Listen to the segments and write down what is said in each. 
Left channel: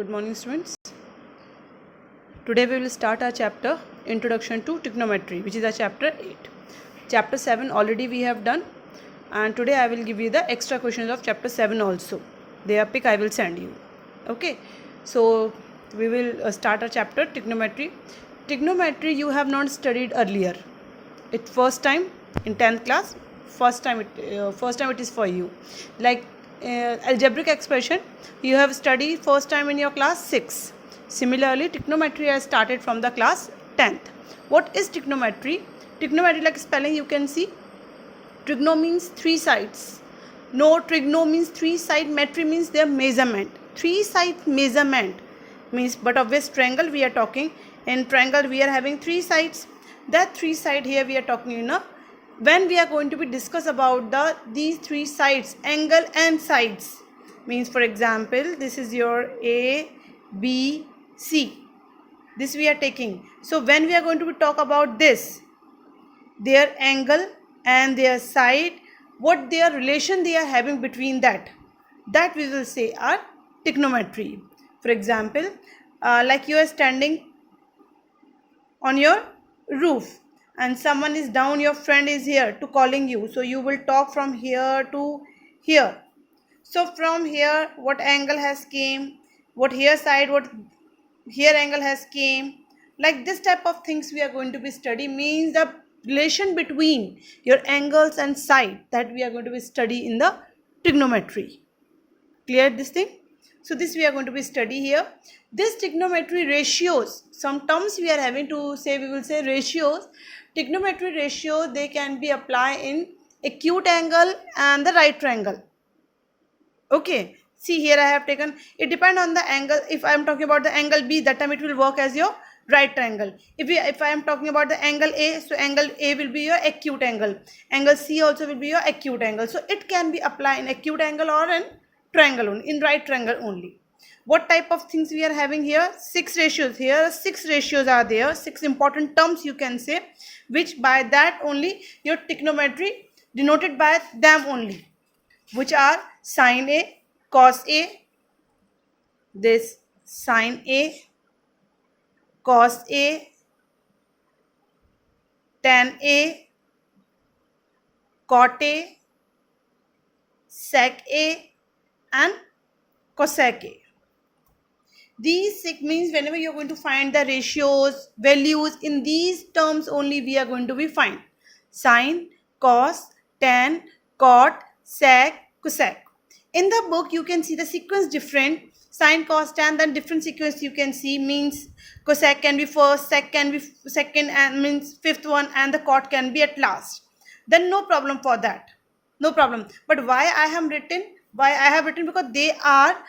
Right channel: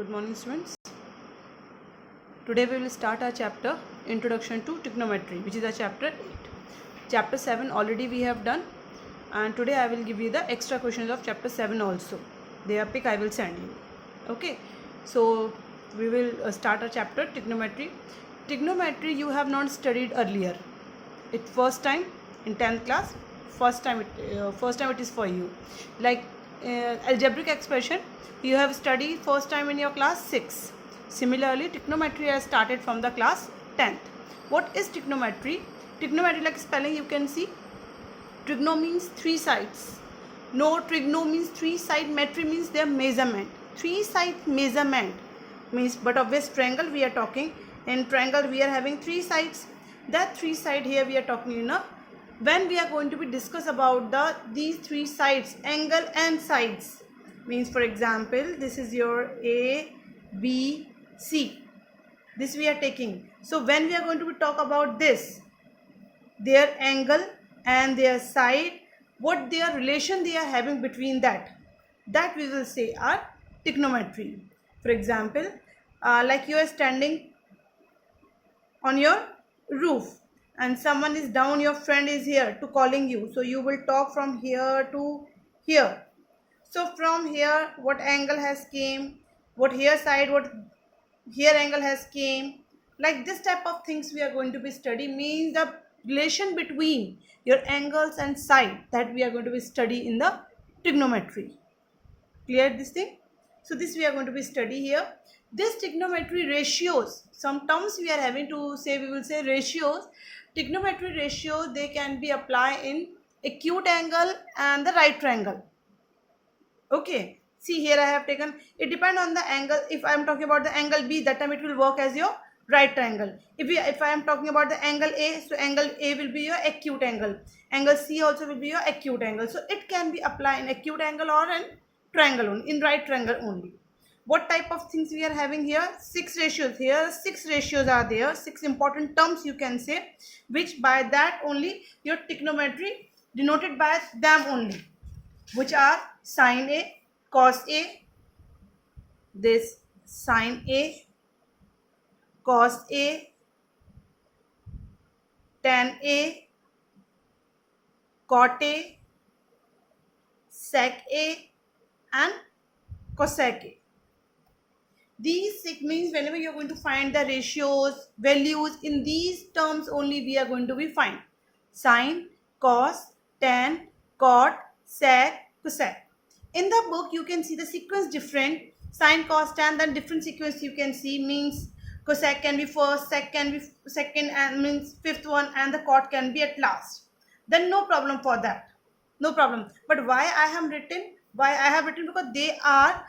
Good morning, students. Today we will start our chapter Introduction to Trigonometry, which is our chapter 8. Chapter 7 already we have done, and today I will give you the extra questions of chapter 7 also. Their pick I will send you. Okay, so we will start our chapter Trigonometry. Trigonometry you have not studied earlier. It first time in 10th class. First time it is for you. Like algebraic expression you have studied first time in your class 6. Similarly, trigonometry has started from the class 10th. What is trigonometry? Trigonometry, like spelling you can see. Trigno means three sides. No, trigno means three side. Metry means their measurement. Three side measurement means, but of which triangle we are talking. In triangle we are having three sides. That three side here we are talking, when we are going to be discuss about these three sides, angle and sides, means for example this is your A, B, C. This we are taking. So when we are going to be talk about this, their angle and their side, what their relation they are having between that we will say are trigonometry. For example, like you are standing on your roof and someone is down, your friend is here to calling you, so you will talk from here to here. So from here what angle has came, what here side, what here angle has came, like this type of things we are going to be study, means the relation between your angles and side, that we are going to be study in the trigonometry. Clear this thing? So this we are going to be study here. This trigonometry ratios, some terms we are having to say, we will say ratios. Trigonometry ratio, they can be applied in acute angle and the right triangle. Okay, see here I have taken, it depend on the angle. If I am talking about the angle B, that time it will work as your right triangle. If I am talking about the angle A, so angle A will be your acute angle. Angle C also will be your acute angle. So it can be applied in acute angle or in triangle only, in right triangle only. What type of things we are having here? 6 ratios. Here 6 ratios are there, 6 important terms you can say, which by that only your trigonometry denoted by them only, which are sin A, cos A, this sin A, cos A, tan A, cot A, sec A, and cosec A. These six means whenever you are going to find the ratios, values, in these terms only we are going to be find. Sin, cos, tan, cot, sec, cosec. In the book you can see the sequence different. Sin, cos, tan, then different sequence you can see, means cosec can be first, sec can be second, and means fifth one, and the cot can be at last. Then no problem for that. No problem. But why I have written? Because they are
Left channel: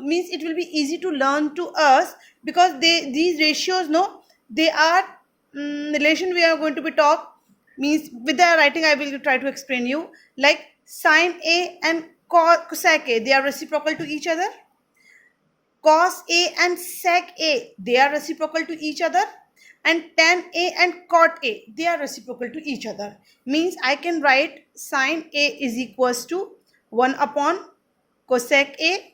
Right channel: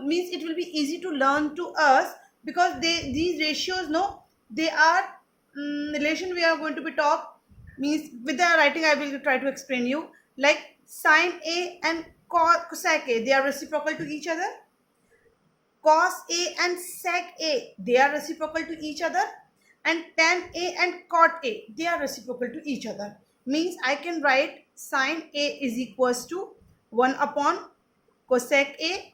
means it will be easy to learn to us, because these ratios, no, they are relation we are going to be talk, means with the writing I will try to explain you. Like sin A and cosec A, they are reciprocal to each other. Cos A and sec A, they are reciprocal to each other. And tan A and cot A, they are reciprocal to each other. Means I can write sin A is equals to 1 upon cosec A,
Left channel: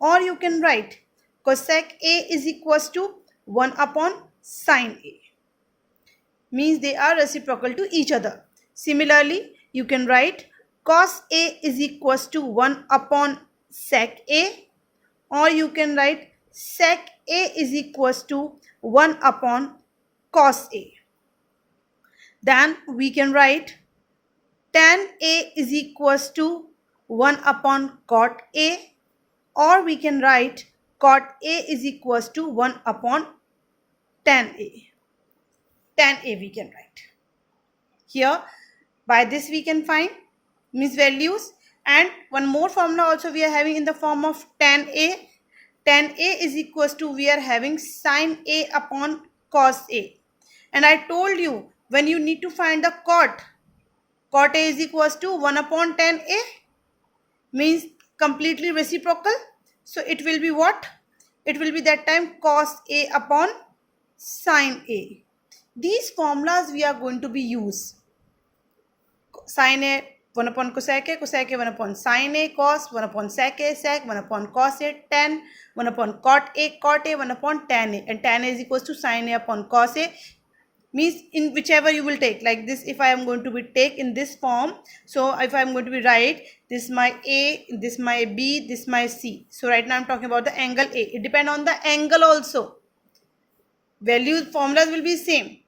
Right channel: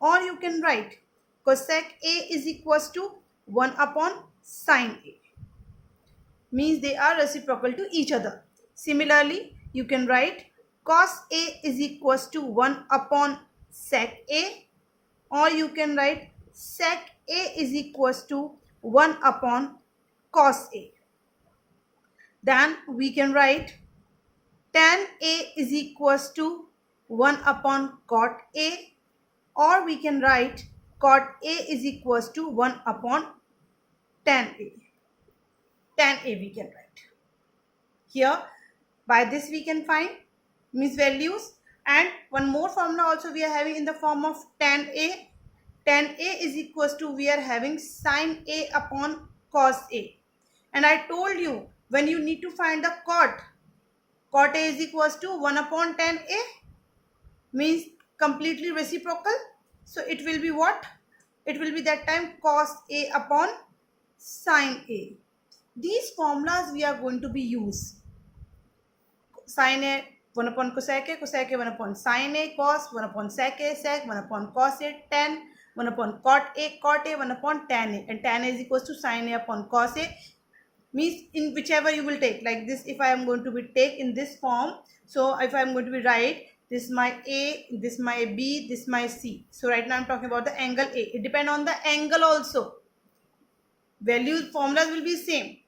or you can write cosec A is equals to 1 upon sin A. Means they are reciprocal to each other. Similarly, you can write cos A is equals to 1 upon sec A, or you can write sec A is equals to 1 upon cos A. Then we can write tan A is equals to 1 upon cot A, or we can write cot A is equals to 1 upon tan A. Tan A we can write. Here, by this we can find means values. And one more formula also we are having in the form of tan A. Tan A is equals to, we are having sin A upon cos A. And I told you, when you need to find the cot A is equals to 1 upon tan A, means completely reciprocal. So it will be what? It will be that time cos A upon sin A. These formulas we are going to be use. Sin A, 1 upon cosec A, 1 upon sin A, cos, 1 upon sec A, sec, 1 upon cos A, tan, 1 upon cot A, 1 upon tan A, and tan A is equals to sin A upon cos A. Means in whichever you will take, like this, if I am going to be take in this form, so if I am going to be write this my A, this my B, this my C. So right now I am talking about the angle A. It depends on the angle also. Value formulas will be same,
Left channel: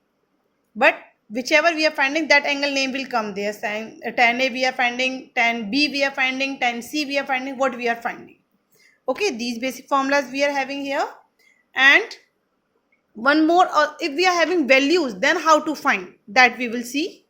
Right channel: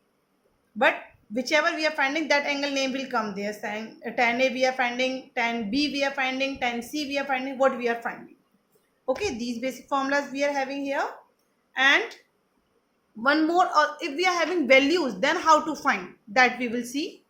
but whichever we are finding, that angle name will come there. Tan A we are finding, tan B we are finding, tan C we are finding, what we are finding. Okay, these basic formulas we are having here. And one more, if we are having values, then how to find that we will see.